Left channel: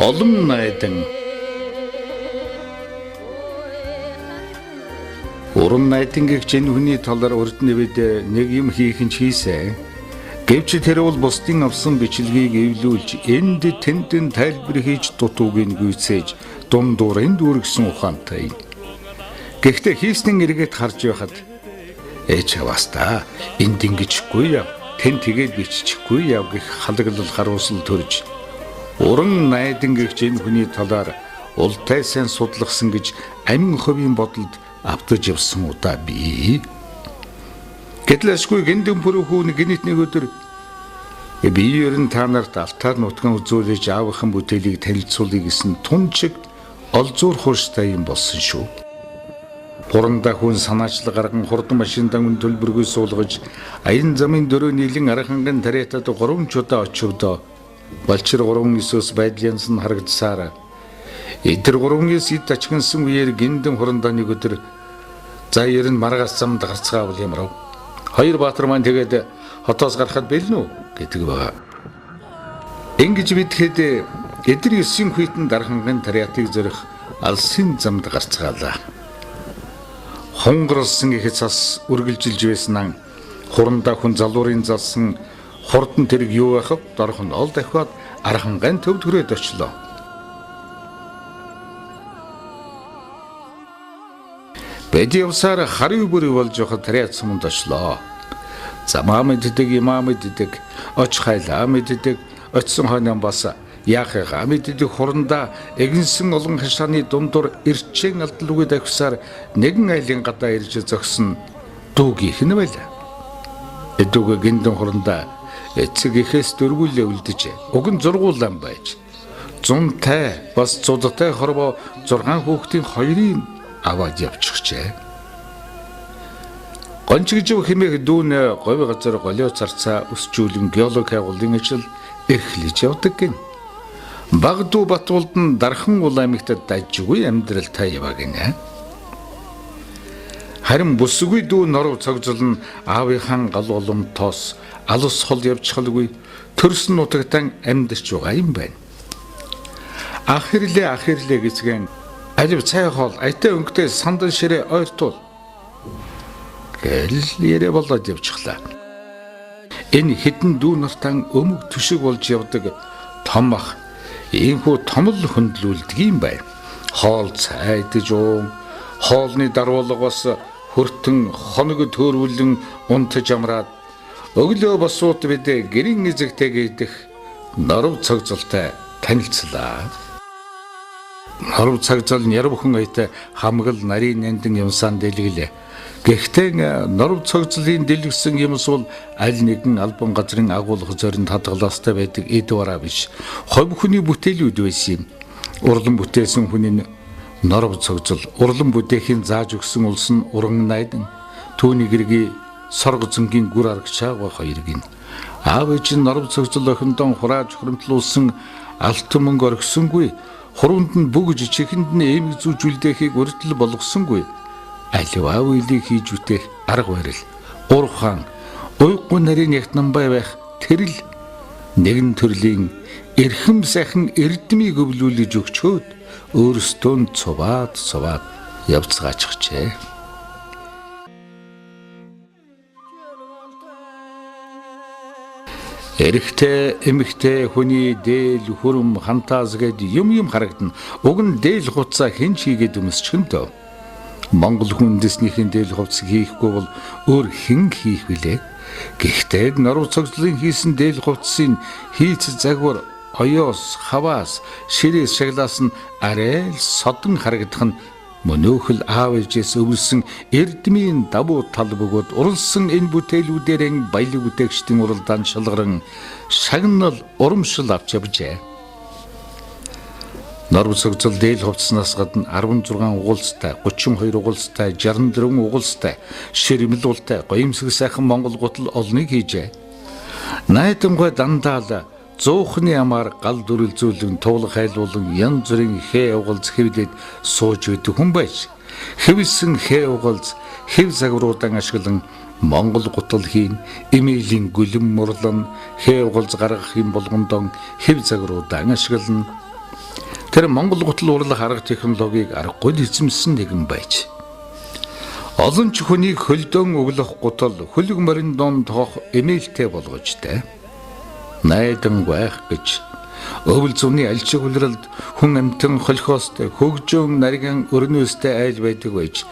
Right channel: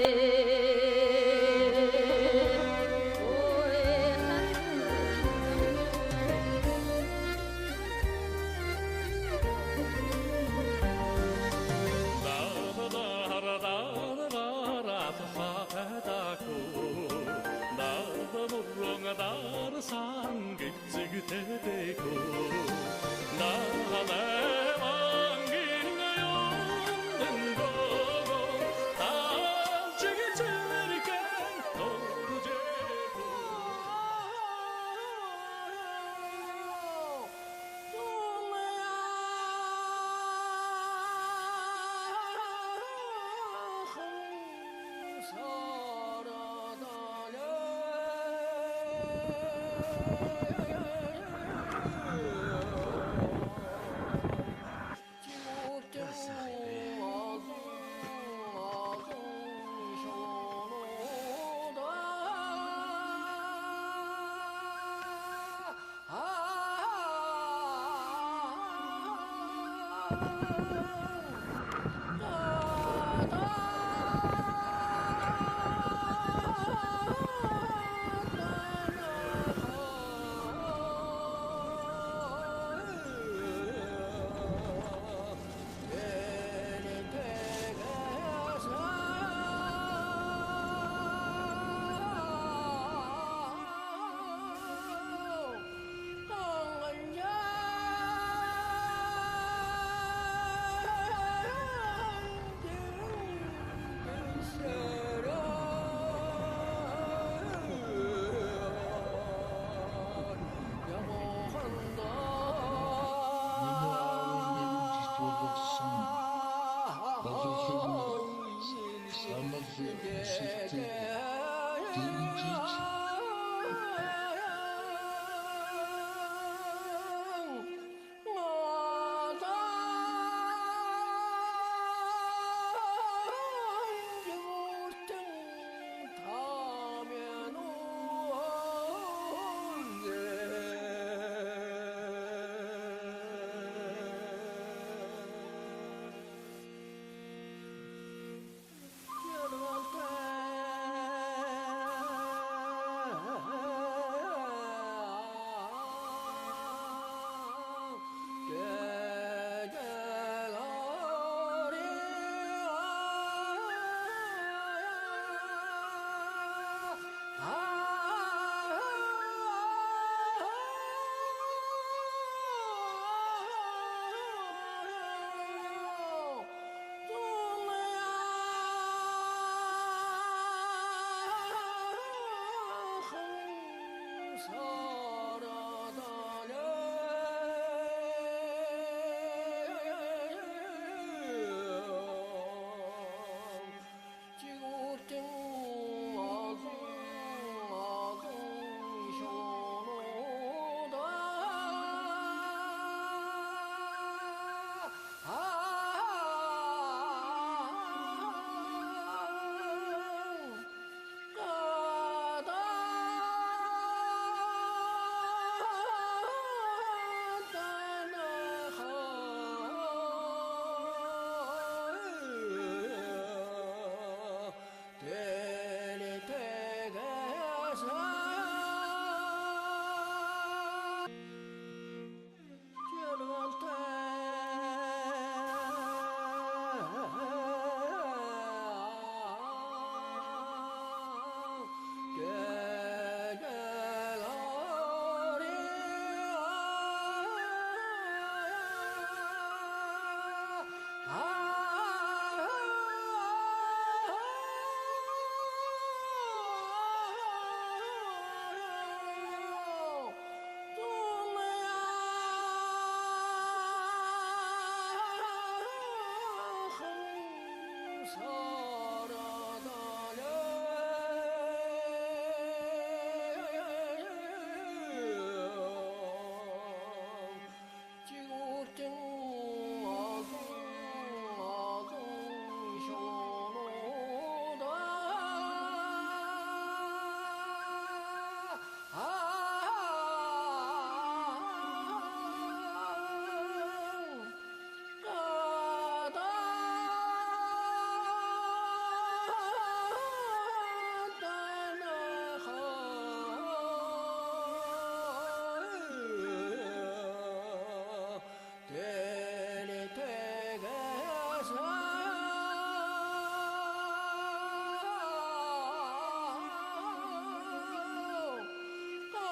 Олон найдан уран найдан гэгч энэ хүний талаар урд нэвэд нэг юм хийх нь хийсэн. Гэвч тэр бол бусдын авсан бичлэгийг эвлүүлж энд тэндэн тайлбар хийж дутуугийн гүйцээж дундуурын дүүргсэн ухаантай. Гэхдээ хийснэн эргээд харж байхад ээж аваастаа энд ингэжгүй яв, тэн тэгээд биччихгүй яв гэх халаглал харуулсан төрж уран найдан гэгч энэ хүний талаар ултай сайн судлахсан гэж амин хувийн бодолд автаж явсан удаа би. Гэтлэшгүй гиндэн бүрхүүн гинит нэг өдөр би ерэн та нарт алтаар нутган үзүүлж аавынхан бүтээлийг танилцуулъя гэсэн тунчиг олзуур хуурстай юм болсон шүү. Гурандаа хүн санаачлаг гарган хурдан машиндан төлбөргүй суулгаж аян замын дөрөв нийлэн арханган тариатад 3 чудаа очивдоо Балчир 3-9-с байдлынс нь харагдсаар эдгээр 3-9 ид ачгансан үеэр гиндэн хурандаа нэг өдөр за ерэн маргаас замд гарцгаавал юмрав. Хоёр баатар маань тэгээд хотоос гарахад бэлнэ үү гэдэг байгаа. Ингэж мэдхэд эдгээр 9 хүйтэн дарханган тариатыг зөрөх алсын замд гарцгаалаа. Хонгорсон их цас үргэлжилж байснаа хурандаа хүн залуурын залсан хурдан тэрэг юу байхав дорх нь ол дахиад арханган төв төрөөд очлоо. Бэдиусаар харив бүрий болж явахад тариат суманд очлоо. Замаа мэддэг, имаа мэддэг, оч хайлаа мэддэг, очсон хойноо бас яахыгаа мэддэг хурандаа эгэнсэн олон хашааны дундуур эрчэн алдлгүй давхсаар нэгэн айлын гадаа ирж зогсон дүүгийнх нь байлаа. Эдүүг гиндэн хурандаа эцэг ихээс дөрвүүлээ үлдэж уг нь зургуулан байж зунтай бас цудтай хорвоо 6 хүүхдийн хоёрын аваад явчихжээ. Гончигжив хэмээх дүүн говь газар голио царцаа өсчүүлэн геологи агуулгын ажил эрхлэж явдаг гин. Баг дүү Батуулд нь дархан ул аймагтад дажгүй амьдралтай яваа гинэ. Харин бүсгүй дүү норов цогцол нь аавынхан гал уламтоос алус хол явчихалгүй төрсөн нутагтан амьдарч байгаа юм байна. Ахирлээ гэцгэн алив цай хоол айтаа өнгөтэй сандан ширээ ойртуул гэл ярэ болоод явчихлаа. Энэ хідэн дүү нартан өмг түшиг болж явдаг том ах ийхүү томл хөндлүүлдэг юм байна. Хоол цайдж хоолны даруулгаас хөртөн хоног төөрвөлн унтаж амраад өглөө босууд бид гэрийн эзэгтэйгээ идэх норов цогцолтой танилцлаа. Норов цогцол нь ярбхэн ойтой хамгал нарийн нандин юмсан дэлгэлээ. Гэхдээ норов цогцлын дэлгэсэн юмс бол аль нэгэн албан газрын агуулга зоринд хадгалаастай байдаг эд бараа биш. Ховь хүний бүтээлүүд байсан юм. Урлан бүтээсэн хүний норов цогцол урлан бүтээхийн зааж өгсөн улс нь уран найдан түүний гэрги соргоцонгийн гүр аргачаага хоёрыг аав ээж нь норов цогцол охиндон хурааж хуримтлуулсан алтан мөнгө оргисонгүй хуруунд нь бүгж чихэнд нь эм зүүж үлдээхийг өртөл болгосонгүй аливаа үйлийг хийж үтэх арга барил урхан уйггүй нарийн ягтнамбай байх тэрл нэгэн төрлийн эрхэм сайхан эрдмийг өвлүүлж өгчөөд өөрсдөө цуваад явцгаачихжээ. Эрэгтэй эмэгтэй хүний дээл хөрөм хантаас гээд юм харагдана. Уг нь дээл хувцаа хэн чийгээд өмсчихөндөө. Монгол хүндэснийхэн дээл хувцас хийхгүй бол өөр хэн хийх вүлээ? Гэхдээ норов цогцлын хийсэн дээл хувцсын хийц загвар оёос, хаваас, ширээс шаглаас нь арай л содон харагдах нь мөнөөхөл аав ээжээс өвлсөн эрдмийн давуу тал бөгөөд уралсан энэ бүтээлүүдэрэн баялаг бүтээгчдийн уралдаан шалгаран шагнал урамшил авч явжээ. Норов цогцол дээл хувцснаас гадна 16 угуулстай, 32 угуулстай, 64 угуулстай, ширмэл ултай, гоёмсог сайхан монгол гутал олныг хийжээ. Найдангой дандаа л зуухны амаар гал дүрэлзүүлэн туулах хайлуулан янз бүрийн хээ угалз хэвлээд сууж байдаг хүн байж хэвсэн хээ угалз хэв загваруудан ашиглан монгол гутал хийн эмээлийн гүлэн мурлан хээ угалз гаргах юм болгондон хэв загваруудан ашиглан Тэр Монгол гутал урлах арга технологиг аргагүй эзэмсэн нэгэн байж. Олон ч хүнийг хөлдөөн өглөх гутал хөлөг морин донд тоох эмээлтэй болгожтэй. Найдан байх гэж өвөл зүвний альчиг үлрэлд хүн амтэн холхоостой хөгжөөн нарийн өрнөөстэй айл байдаг байж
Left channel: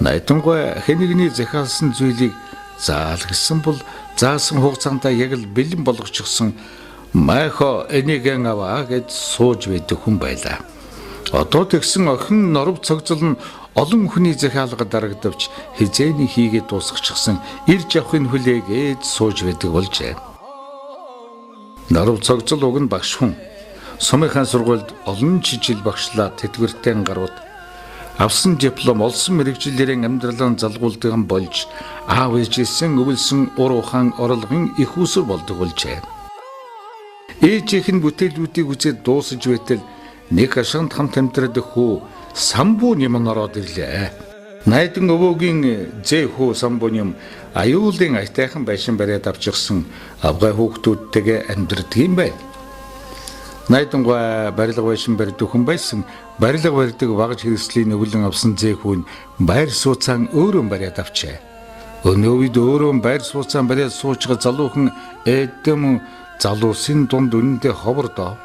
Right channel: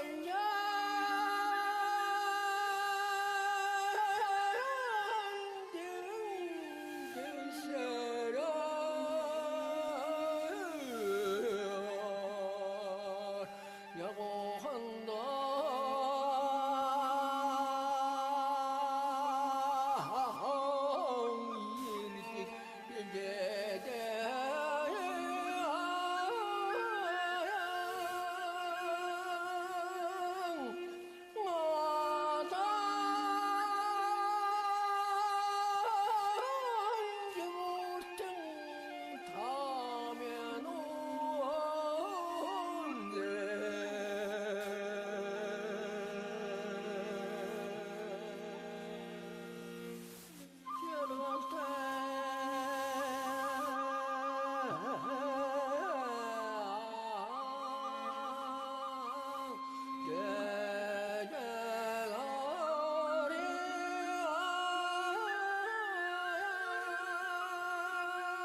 найдангуй хэнийгний захиалсан зүйлийг заал гэсэн бол заасан хугацаанд яг л бэлэн болгочихсон майхо энийгэн аваа гэж сууж байдаг хүн байлаа. Одоо тэгсэн охин норов цогцол нь олон хүний захиалга дарагдавч хизээний хийгээд дуусгачихсан ирж авахын хүлээгээд сууж байдаг болжээ. Норов цогцол уг нь багш хүн. Сумынхаа сургуульд олон жижиг багшлаа тэтгэвртэй гарууд авсан диплом олсон мэрэгчлэрийн амьдралын залгуулдаг болж аав ээжээсэн өвөлсөн ур ухаан орлогын их усүр болдог болжээ. Ээжийнх нь бүтээлүүдийг үзээд дуусаж байтал нэг ашигт хамт амьдрах хүү самбуу юм ороод ирлээ. Найдан өвөөгийн зэхүү самбуу юм аюулын айтайхан байшин бариад авчихсан авгай хүүхдүүдтэйгээ амьдрдаг юм байна. Найдангуй барилга байшин барьдаг хүн байсан. Барилга барьдаг багж хэрэгслийн өвлөн авсан зэхүүн байр сууцаан өөрөө бариад авчээ. Өнөө үед өөрөө байр сууцаан бариад суучгаа залуухан эдэм залуусын дунд үнэндээ ховордоо.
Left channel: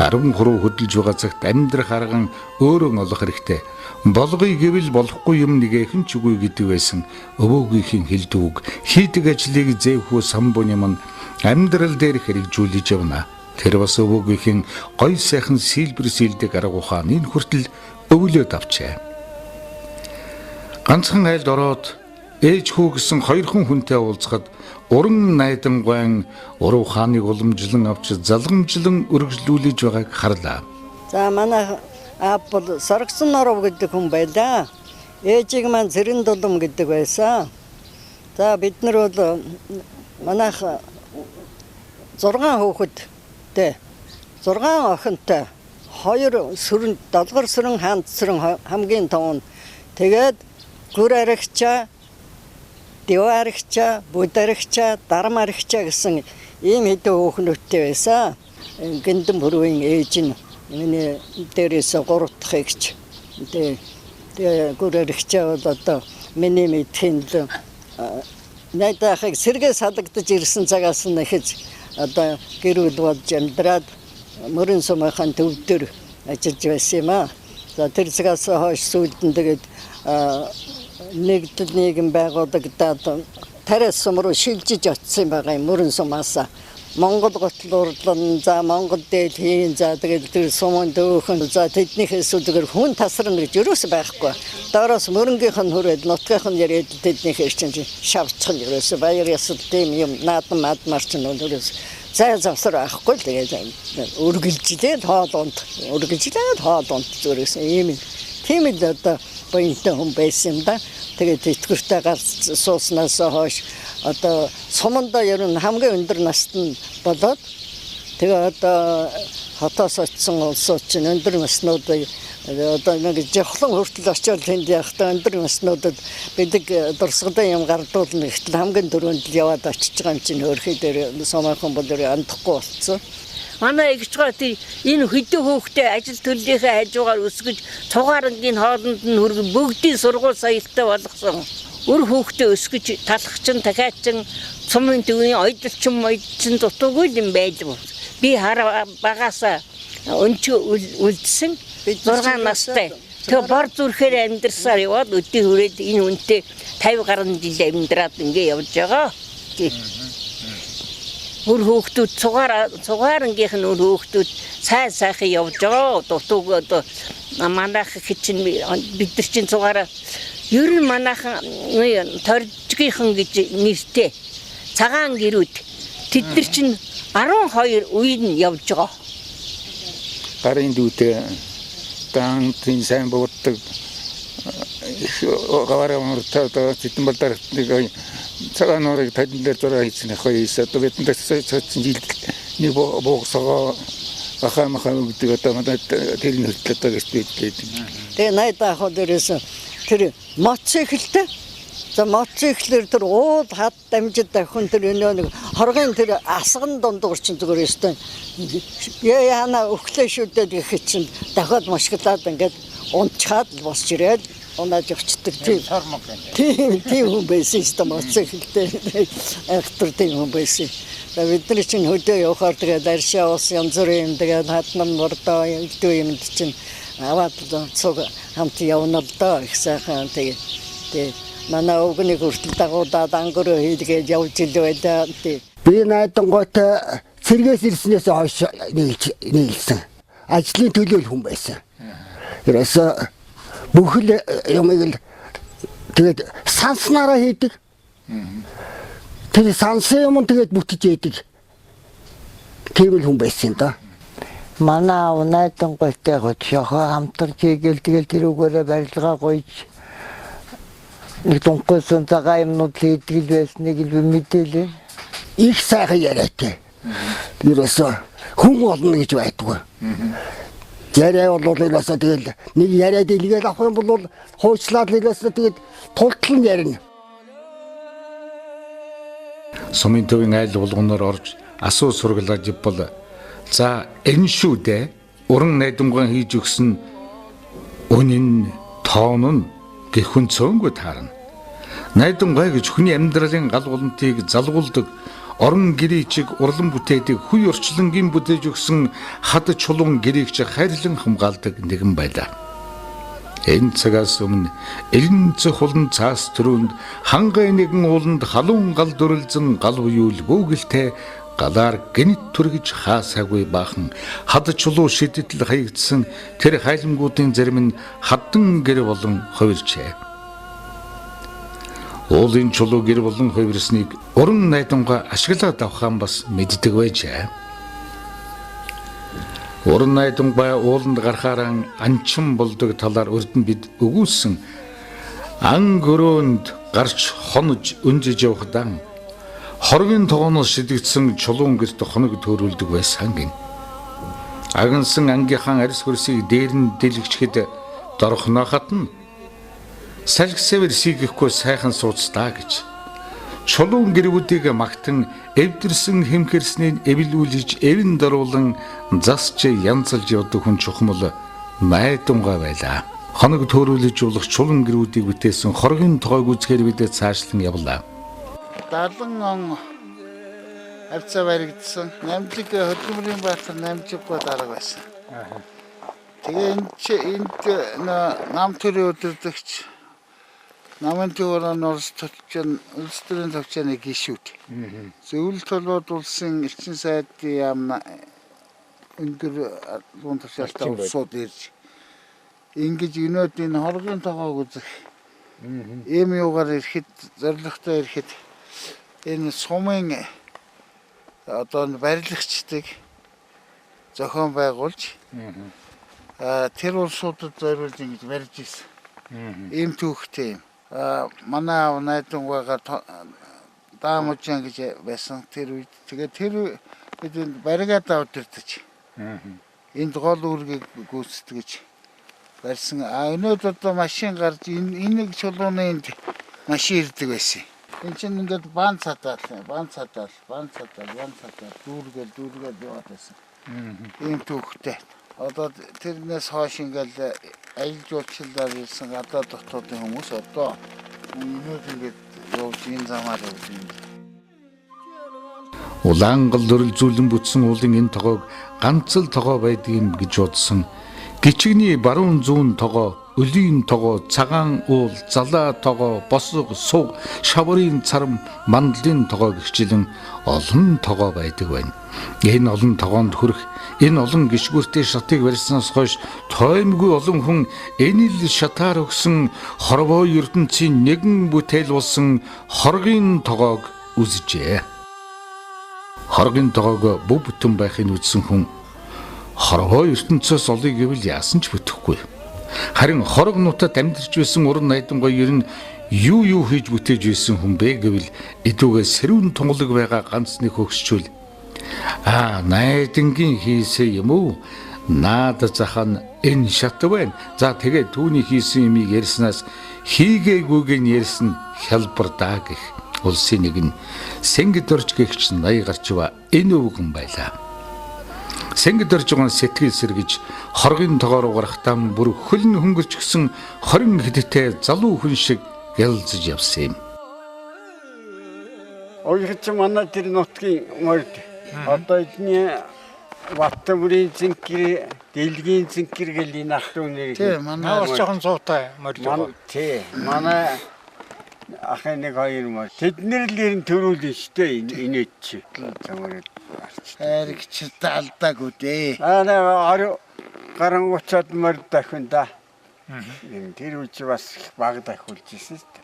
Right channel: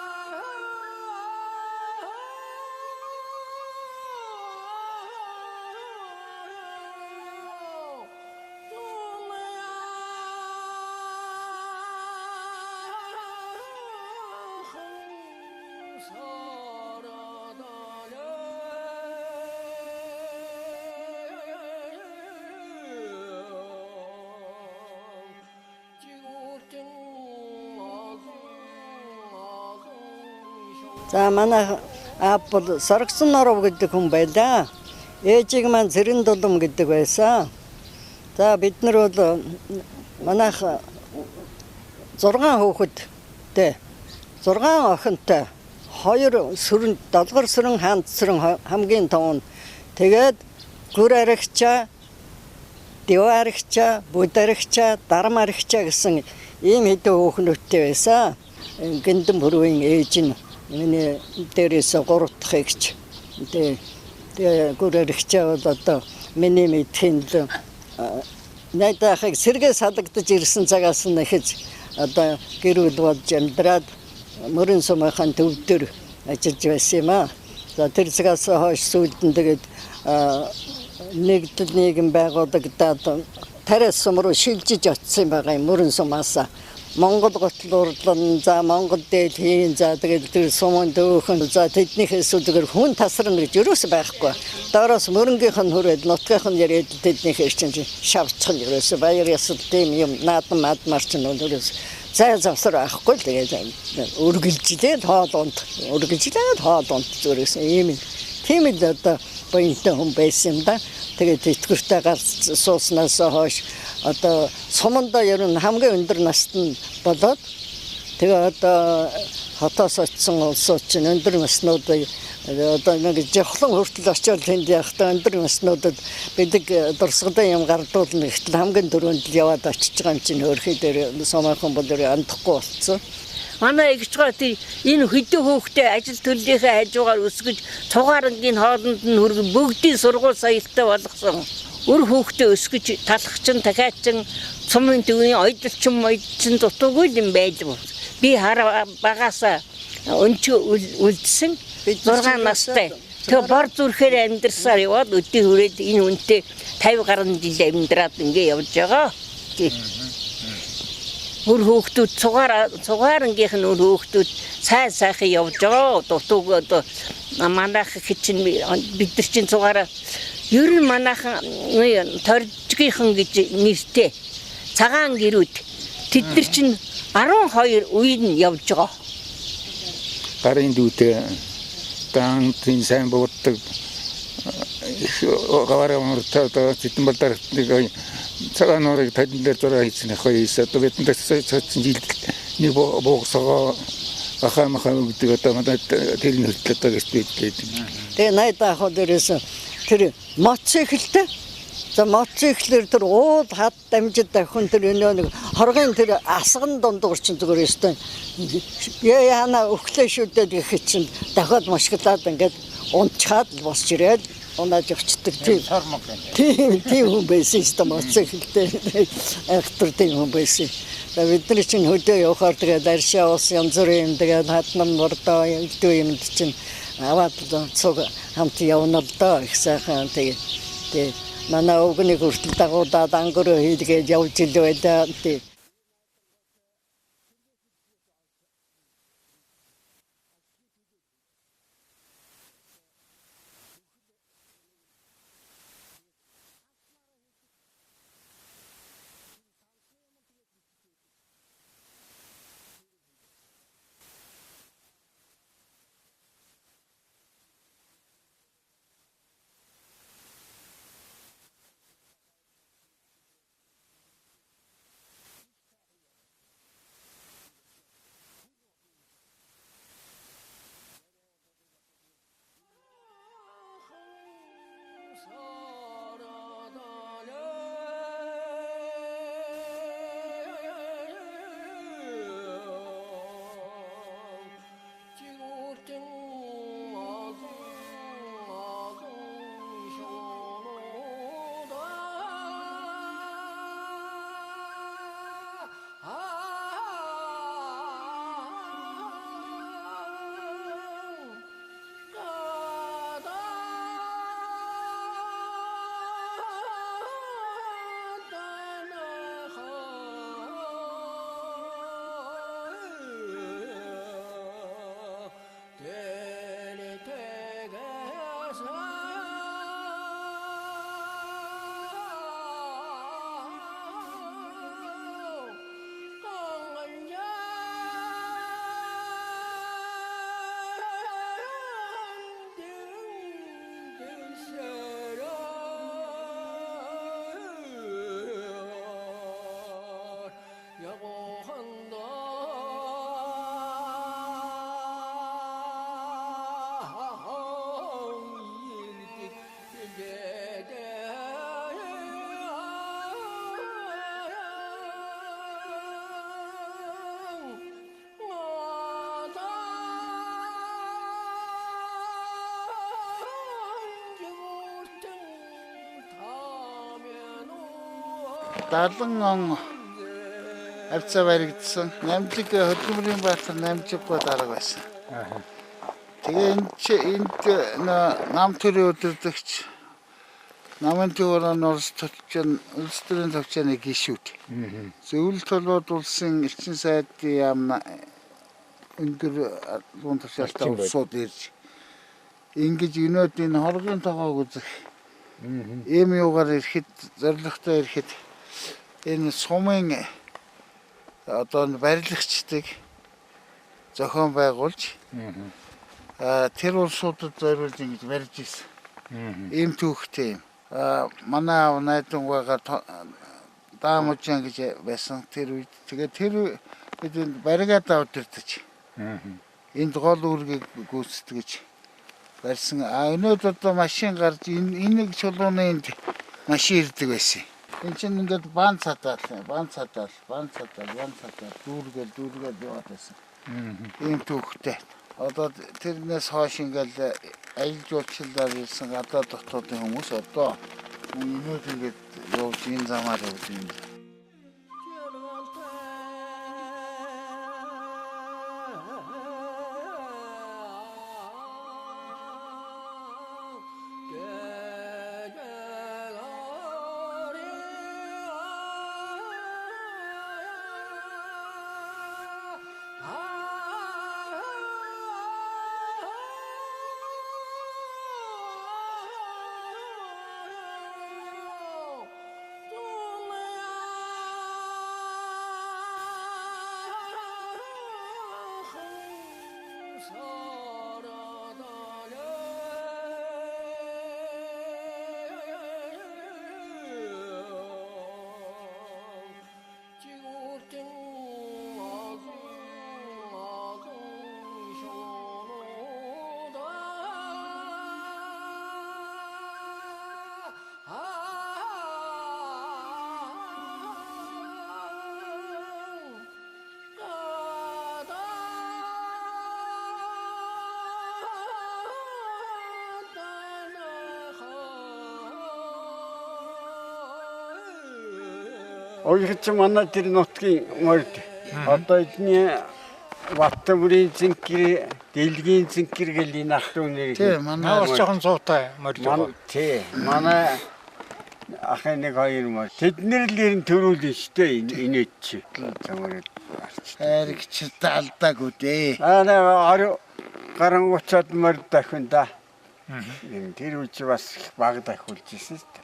13 хөдөлж байгаа цагт амьдрах арган өөрөө олох хэрэгтэй. Болгоё гэвэл болохгүй юм нэгэхэн ч үгүй гэдэг байсан. Өвөөгийнхэн хэлдэг үг хийдэг ажлыг зэвхүү самбууны мань амьдрал дээр хэрэгжүүлж явна. Тэр бас өвөөгийнхэн гой сайхан сэлбэр сэлдэг арга ухааныг хүртэл өвлөөд авчээ. Ганцхан айлд ороод ээж хүү гэсэн хоёр хүнтэй уулзахад уран найдангуйн ур ухааныг уламжлан авч залгамжлан өргөжлүүлж байгааг харлаа. За манай аав бол Соргосон Норов гэдэг хүн байлаа. Ээжийг маань Зэрэн Дулам гэдэг байсан. За бид нар бол манайх 6 хүүхэдтэй 6 охинтой 2 сүрэн долгор сүрэн хаанд сүрэн хамгийн том. Тэгээд гүр аригчаа, дэв аригчаа, бүд аригчаа, дарам аригчаа гэсэн ийм хэдэн хүүхнүүдтэй байсан. Гиндэн бүрийн ээж нь миний дээрээс 3 дахь эгч. Тэгээ гүр аригчаа бол одоо миний мэдхийн найдаахыг сэргээ салгадж ирсэн цагаас нь ихэж одоо гэр бүл болж амьдраад мөрөн сумынхаа төв дээр ажиллаж байсан юм аа. За тэр цагаас хойш сүйдэн тэгээд нэгдэл нийгэм байгуулагдаад тариас сум руу шилжиж очсон байгаа юм мөрөн сумаас. Монгол гутал урлан за Монгол дээлхийн за тэгээд тэр сумын дөөхөн за тэднийхээс үгээр хүн тасрна гэж юус байхгүй. Доороос мөрөнгийнх нь хүрээд нутгийнх нь яриад тэднийхээс чинь шавцхан юус баяр ясал тийм юм наадам мадмарч нь юус зай завсар авахгүй тэгээд үргэлжлээд хоолонд зүрээс ийм тийм л одоо боёнтой хүн байсан юм да. Тэгээд тэтгэвртэй гарч сууснаас хойш одоо сумандаа ер нь хамгийн өндөр настай болоод тэгээ одоо хотоос очсон улсууд чинь өндөр наснуудыг одоо нэг жавхлан хүртэл очиод тэнд явахдаа өндөр наснуудад бидэг дурсгалын юм гардуулна гэтэл хамгийн дөрөнд л яваад очиж байгаа юм чинь хөрхий дээр сумынхан бол андахгүй болцсон. Манай эгчгаа энэ хэдэн хүүхдээ ажил төллийнхээ хажуугаар өсгөж цугаарангийн хоолнд нь хүргэн бүгдийн сургууль соёлтой болгосон. Өр хүүхдээ өсгөж талхчин дахиачин цумын төвний ойдолчин дутуугүй юм байлгүй. Би хараа багасаа өнчө үлдсэн 6 настай. Тэгээ бор зүрхээр амьдрсаар яваад өдөө хүрээд энэ үнтэй 50 гаруй жил амьдраад ингэ явж байгаа. Өр хүүхдүүд цугаарангийнх нь өр хүүхдүүд сайхан явж байгаа. Дутууг одоо манайх хичин бид нар чинь цугаараа ер нь манайхан торжгийнхан гэж нэртэй цагаан гэрүүд тэд нар чинь 12 үеийн явж байгаа. Гарын дүүтэй дан тийм сайн бууддаг гавараа мөртөө тэдэн балдар нэг цагаан нуурыг тань дээр зураг хийсэн хоёрс одоо бидэнд цоцсон жил нэг боогсоо ахамахаа гэдэг одоо надад тэр нэртлээ одоо гэж бидлээ. Тэгээ найдаа хол дээрээс тэр мотоциклтэй За мотоциклэр тэр уул хад дамжид давхин тэр нэг хоргийн тэр асган дундуур чинь зүгээр өстой. Яана өглөө шүдэд гэхэд чинь дахиад машиглаад ингээд унчаад босч ирээд унаад явчихдаг тийм хүн байсан шүү дээ мотоциклтэй ахтар тийм хүн байсан. Бидний чинь хөдөө явахаар тэгээд аршаа ус янз бүрийн тэгээд хатнам мордоо илдүү юмд чинь аваад цог хамт явна л доо их сайхан тэгээд манай өвгний хүртэл дагуудаад ангөрөө хийлгээд явж илвэ да тий. Би найдангуутай цэргээс ирснээс хойш нийлсэн. Ажлын төлөөл хүн байсан. Ерөөсө бүхэл юмыг л тэгээд санснараа хийдэг. Тэр сансан юм тэгээд бүтэж яадаг. Тийм л хүн байсан да. Манай найдангуутай гоцохоо хамтарч хийгээл тэгэл тэрүүгээрээ барилгаа гойж нэг тунхсан цагаан юмнууд хийдэг байсныг л мэдээлээ. Их сайхан яриатай. Ерөөсө хүн болно гэж байдгүй. Яриа бол ерөөсө тэгэл нэг яриад илгээл авах юм бол хуучлаад ерөөсө тэгээд тултлан ярина. Сумын төвийн айл болгоноор орж асуу сургалаад ивбол за энэ шүү дээ уран найдамгаан хийж өгсөн үнэн тоон нь гэхүн цөөнгөө таарна. Найдамгай гэж хүний амьдралын гал голонтыг залгуулдаг орон гэрээчиг урлан бүтээдэг хүй орчлонгийн бүтээж өгсөн хад чулуун гэрээгч хайрлан хамгаалдаг нэгэн байлаа. Энэ цагаас өмнө элен цохолн цаас төрөнд хангай нэгэн ууланд халуун гал дүрлзэн гал уюул гүгэлтэй галаар гинт түргэж хаасаагүй баахан хад чулуу шидэтэл хаягдсан тэр хайлангуудын зарим нь хаддан гэр болон хувирчээ. Уулын чулуу гэр болон хувирсныг уран найдамгаа ашиглаад авахан бас мэддэг байжээ. Уран найдамгаа ууланд гарахаараа анчин болдог талаар өрдөн бид өгүүлсэн ан гөрөөнд гарч хонож өнжиж явахдаа хоргийн тогооноос шидэгдсэн чулуун гэрт хоног төрүүлдэг байсан гин. Агнсан ангийнхаа арьс хөрсийг дээр нь дэлгэчхэд дорхнохот нь салгисэвэр сийгэхгүй сайхан суудстаа гэж. Чулуун гэрүүдийг магтан эвдэрсэн хэмхэрснийг эвлүүлж эвэн дөрвөлн засч янзалж явдаг хүн чухмал найдамгаа байлаа. Хоног төрүүлж болох чулуун гэрүүдийг бүтээсэн хоргийн тоогоо үзэхээр бид цаашлан явлаа. 70 он авцаа баригдсан. Намжиг хөдөлмөрийн баатар намжиггүй дарга байсан. Тэгээ энд нам төрийн өдөртөгч намын төвөрөн улс төрийн төвчний гишүүд. Зөвлөлт толгойд улсын элчин сайдын яамна өндөр луун төвшөлтөй улсууд ирж ингэж өнөөдрийн хоргийн тоогоог үзэх ийм юугаар ирэхэд зоригтой ирэхэд энэ сумын одоо барилгачдыг зохион байгуулж тэр улсуудад зориулж ингэж барьж ирсэн. Ийм түүхтэй юм. Манай найдангуйгаар даамжаан гэж байсан тэр үед тэгээд тэр бид баригаад авдэрдэж энд гол үүргийг гүйцэтгэж барьсан. Өнөөдөр одоо машин гарч энийг чулууны энд машин ирдэг байсан. Энд чинь ингээд бан цатаал дүүргээл яваад байсан. Ийм түүхтэй. Одоо тэрнээс хойш ингээл аялал жуулчлалаар ирсэн гадаад дотоодын хүмүүс одоо өнөөдөр ингээд явж энэ замаар явж байна. Улаангал дөрөлзүүлэн бүтсэн уулын энэ тогоог ганц л тогоо байдгийг гэж бодсон. Гичигний баруун зүүн тогоо, өлийн тогоо, цагаан уул, залаа тогоо, босго, суг, шаврын царам, мандлын тогоо гихчлэн олон тогоо байдаг байна. Энэ олон тогоонд хүрэх энэ олон гişгүүртэй шатыг барьснаас хойш тоймгүй олон хүн энэ л шатаар өгсөн хорвоо ертөнцийн нэгэн бүтээл болсон хоргийн тоогоог үзжээ. Хоргийн тоогоог бүх бүтэн байхыг үзсэн хүн хорвоо ертөнцөөс олыг гэвэл яасан ч бүтэхгүй. Харин хорог нутад амьдарч байсан уран найдамгай ер нь юу хийж бүтээж байсан хүн бэ гэвэл эдүүгээ сэрүүн тунгалаг байгаа ганц нэг хөгсчүүл найдангийн хийсэн юм уу? Наад захаа энэ шат байна. За тэгээд түүний хийсэн юмыг ярьснаас хийгээгүйг нь ярьсан хялбар даа гэх улсын нэг нь Сэнгид орж гэгч 80 гарчва энэ өвгөн байлаа. Сэнгид орж байгаа сэтгэл сэргэж хоргийн тоогоор гарахтаа бүр хөлн хөнгөрч гисэн 20 хэдтэй залуу хүн шиг гэлзэж явсан юм. Ойрч манай тэр нутгийн морд одоо эдний Ваттамрын зинкэр, Дэлгийн зинкэр гэл энэ ах トゥ нэр. Тийм манай жоохон зуутай морд. Тий, манай ахын нэг хоёр морд. Тэднэр л ерэн төрүүлэн штэ инээч чи. Замраад арч. хайрагчд алдаагүй дээ. Аа гаран уцаад морд дахин да. Тэр үуч бас баг дахиулж ирсэн штэ.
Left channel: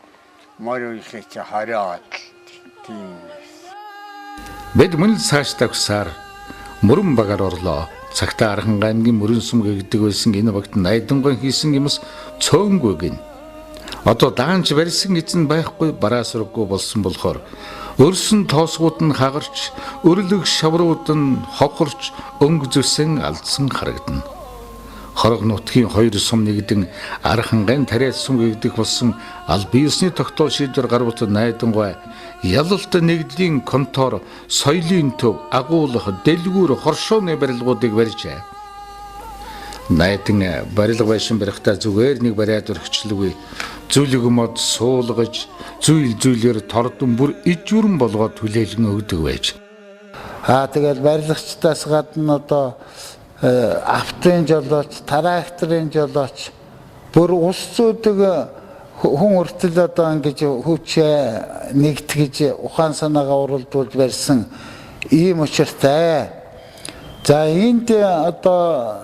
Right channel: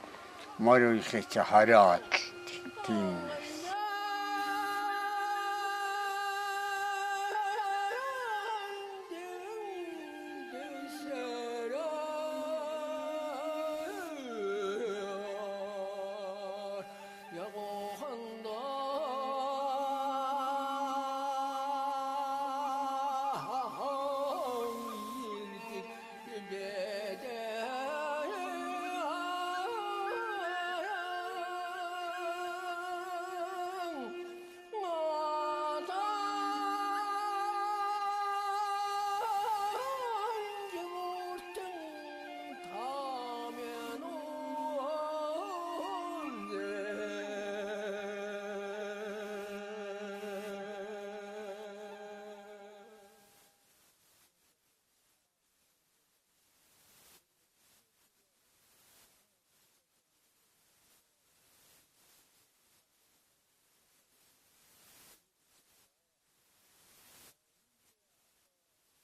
Морь үеийнхээ чи 20 аваад тийм. Бид мөн цаашдаа гусаар мөрөн багаар орлоо. Цагтаа Архан аймгийн мөрөн сум гэдэг байсан энэ багт найдангой хийсэн юмс цөөнгүй гин. Одоо даанч барьсан эзэн байхгүй бараа сурггүй болсон болохоор өрсөн тоосгууд нь хагарч, өрлөг шаврууд нь хохорч, өнгө зүсэн алдсан харагдана. Хорог нутгийн хоёр сум нэгдэн Архангайн тариа сум гэдэг болсон аль биесний тогтоол шийдвэр гаргуулт найдангой ялалт нэгдлийн контор соёлын төв агуулах дэлгүүр хоршооны барилгуудыг барьжээ. Найдан барилга байшин барихтаа зүгээр нэг бариад өргөчлөгүй зүйлэг мод суулгаж зүйлээр тордон бүр ижүүрэн болгоод түлээлгэн өгдөг байж. Тэгээд барилгачдаас гадна одоо автын жолооч, тракторын жолооч бүр ус зүйдэг хүн өртөл одоо ингэж хүчээ нэгтгэж ухаан санаагаа уралдуулж барьсан ийм учиртай. За энд одоо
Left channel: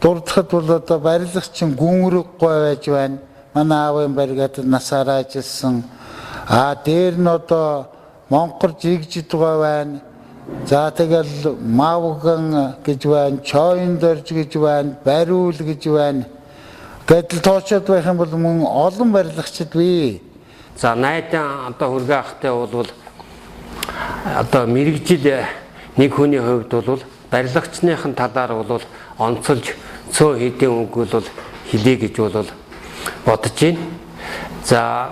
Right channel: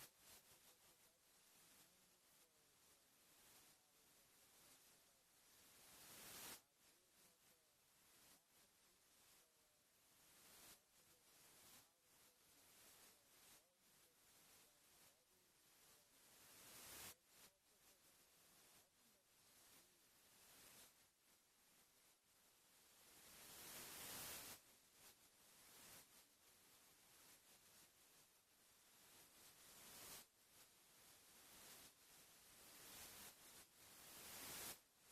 дурдхад бол одоо барилгачин гүнрэггүй байж байна. Манай аавын баригад насаараа ажилласан. Дээр нь одоо монкор жигжид байгаа байна. За тэгэл мавган гэж байна, чойн дорж гэж байна, бариул гэж байна. Гэтэл тоочод байх юм бол мөн олон барилгачид бий. За найдан одоо хүргээ ахтай бол одоо мэрэгжил нэг хүний хувьд бол барилгачныхын талаар бол онцолж цөө хэдийн үг бол хэлье гэж бол бодож байна. За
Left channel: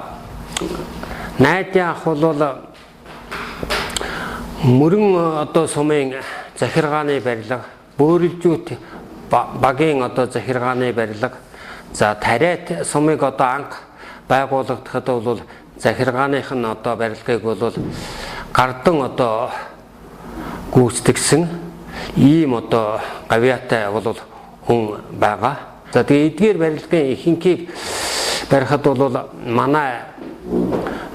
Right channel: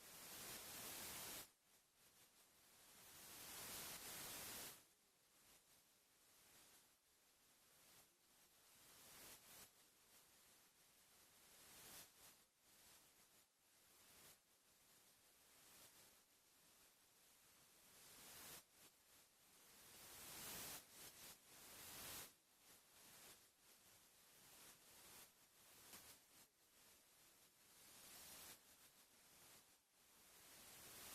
найдан ах бол мөрөн одоо сумын захиргааны барилга, бөөрөлжүүт багийн одоо захиргааны барилга, за тариат сумыг одоо анх байгуулагдахад бол захиргааных нь одоо барилгыг бол гардан одоо гүйцэтгсэн ийм одоо гавьяатай бол хүн байгаа. За тэгээ эдгээр барилгын ихэнхийг барихад бол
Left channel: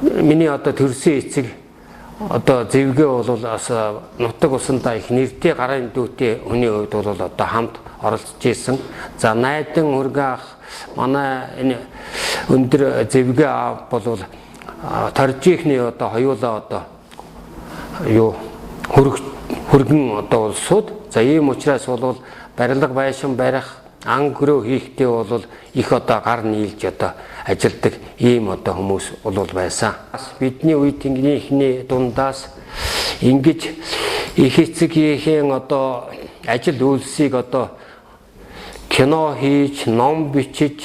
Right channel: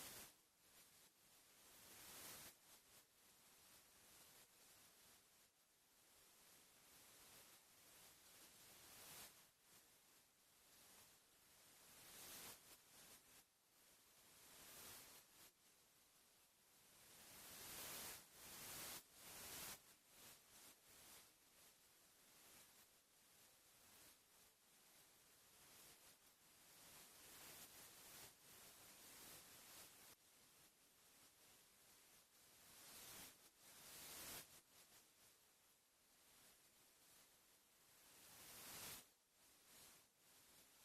миний одоо төрсөн эцэг одоо зэвгээ бол бас нутаг усандаа их нэртэй гарын дүүтэй хүний хувьд бол одоо хамт оролцож исэн. За найдан хүргээ ах манай энэ өндөр зэвгээ аав бол торжихны одоо хоёулаа одоо юу хөргөн одоо улсууд. За ийм учраас бол барилга байшин барих, ан гөрөө хийхдээ бол их одоо гар нийлж одоо ажилдаг ийм одоо хүмүүс бол байсан. Бидний үед ихний дундаас ингэж их эцгийн одоо ажил үйлсийг одоо кино хийж, ном бичиж,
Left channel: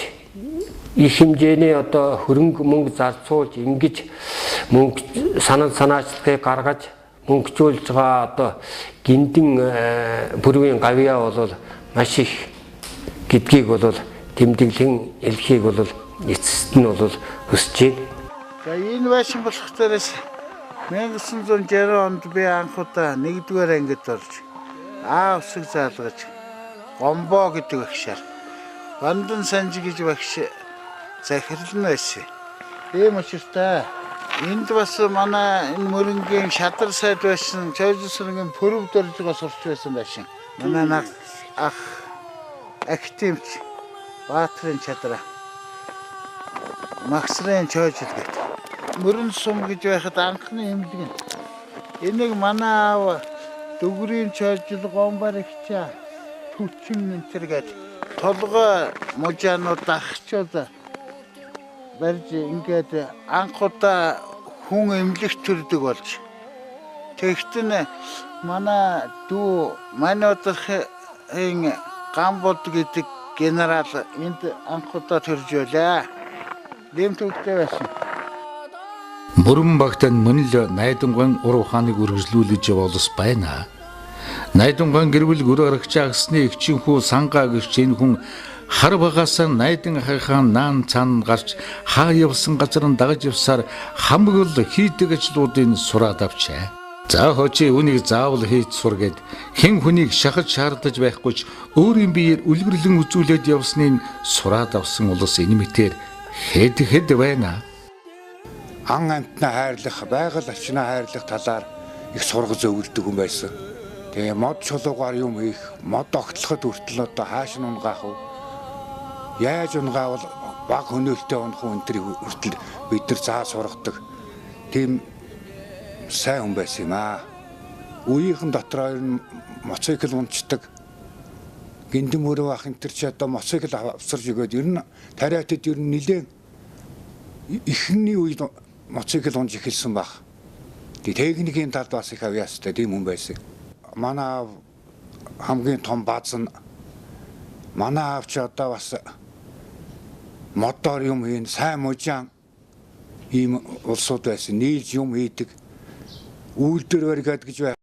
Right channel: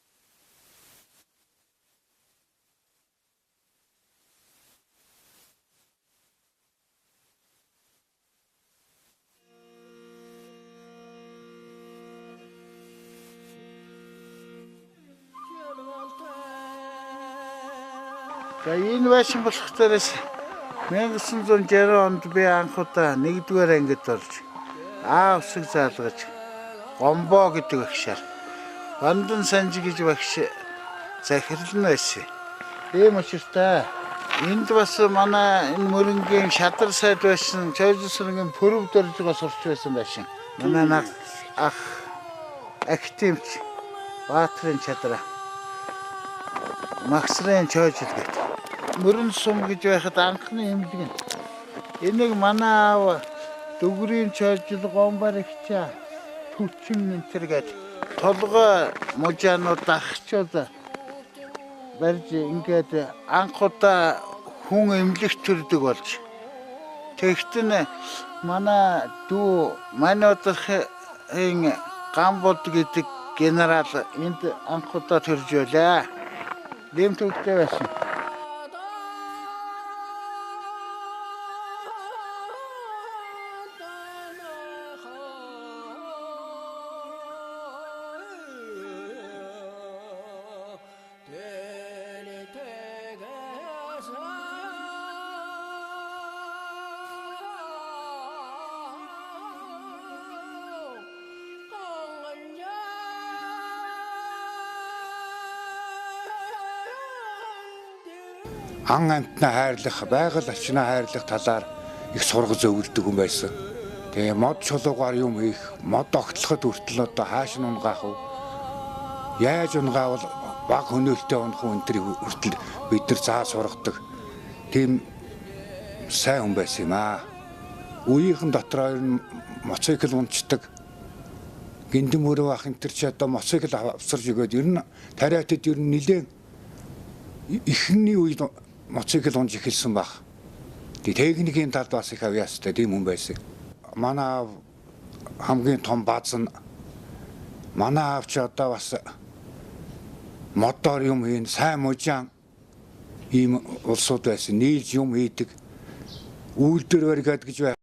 их хэмжээний одоо хөрөнгө мөнгө зарцуулж ингэж мөнгө санаачлагыг гаргаж мөнгөжүүлж байгаа одоо гиндэн бүрийн гавьяа бол маш их гэдгийг бол тэмдэглэн хэлхийг бол эцэст нь бол хүсэж байна. За энэ байшин болох дээрээс 1960 онд би анх удаа 1-р ангид орж усыг заалгаж гомбоо гэдэг багшаар Бандан Санжи гэж багш захирлан байсан. Ийм учиртай. Энд бас манай энэ мөрөнгийн шадар сайд байсан, Чойжсрынгийн пөрөв дөрж байгаа сурч байсан байшин. Манай ах активч Баатрын чадраа Максрын Чойжл гэдэг. Мөрөн сум гэж байхад анхны эмнэлэг нь. Энийг манай аав Дүгрийн Чойжл гомбарагчаа Түчин энтергээд толгой мужаанууд ахчууд барьж ингээд анх удаа хүн эмнэлэгт төрдөг болж. Тэгтэн манай дүү манайдын Гамбод гэдэг генерал энд анх удаа төрж байлаа. Лемтөвтэй байсан. Мөрөн багтан мөн л Найдангуйн ур ухааныг үргэлжлүүлж явуулс байна. Найдангуйн гэрвэл гөр арагч агсны эгчинхүү сангаа гэрч энэ хүн хар багасаа найдан хайхаан наан цаана гарч хаа явсан газар нь дагаж явсаар хамаг л хийдэг ажлуудыг сураад авчаа. За хожи үнийг заавал хийж сур гэд хэн хүнийг шахаж шаардаж байхгүй ч өөрийн биеэр үлгэрлэн үзүүлээд явсныг сураад авсан улс энэ мэтэр хэд байна. Ан амтнаа хайрлах, байгаль орчноо хайрлах талаар их сургаж өвлөдөг хүн байсан. Тэгээ мод чулуугаар юм хийх, мод огтлоход хүртэл одоо хааш нь унгаах уу? Яаж унгаавал баг хөнөөлтөй унах уу энэ хүртэл бид нар заа сургадаг. Тийм сайн хүн байсан юм аа. Үеийнхэн дотор моцикл унцдаг. Гиндэм өрөө ах энэ ч одоо моцикл авсарж өгөөд ер нь тариатад ер нь нилээн ихний үед моцикл унж эхэлсэн баг. Тэгээ техникийн талд бас их авьяастай тийм хүн байсан. Манай хамгийн том бааз нь манай авч одоо бас мотор юм хийн сайн мужаан ийм улсууд байсан. Нийлж юм хийдэг. Үйлдвэр баригад гэж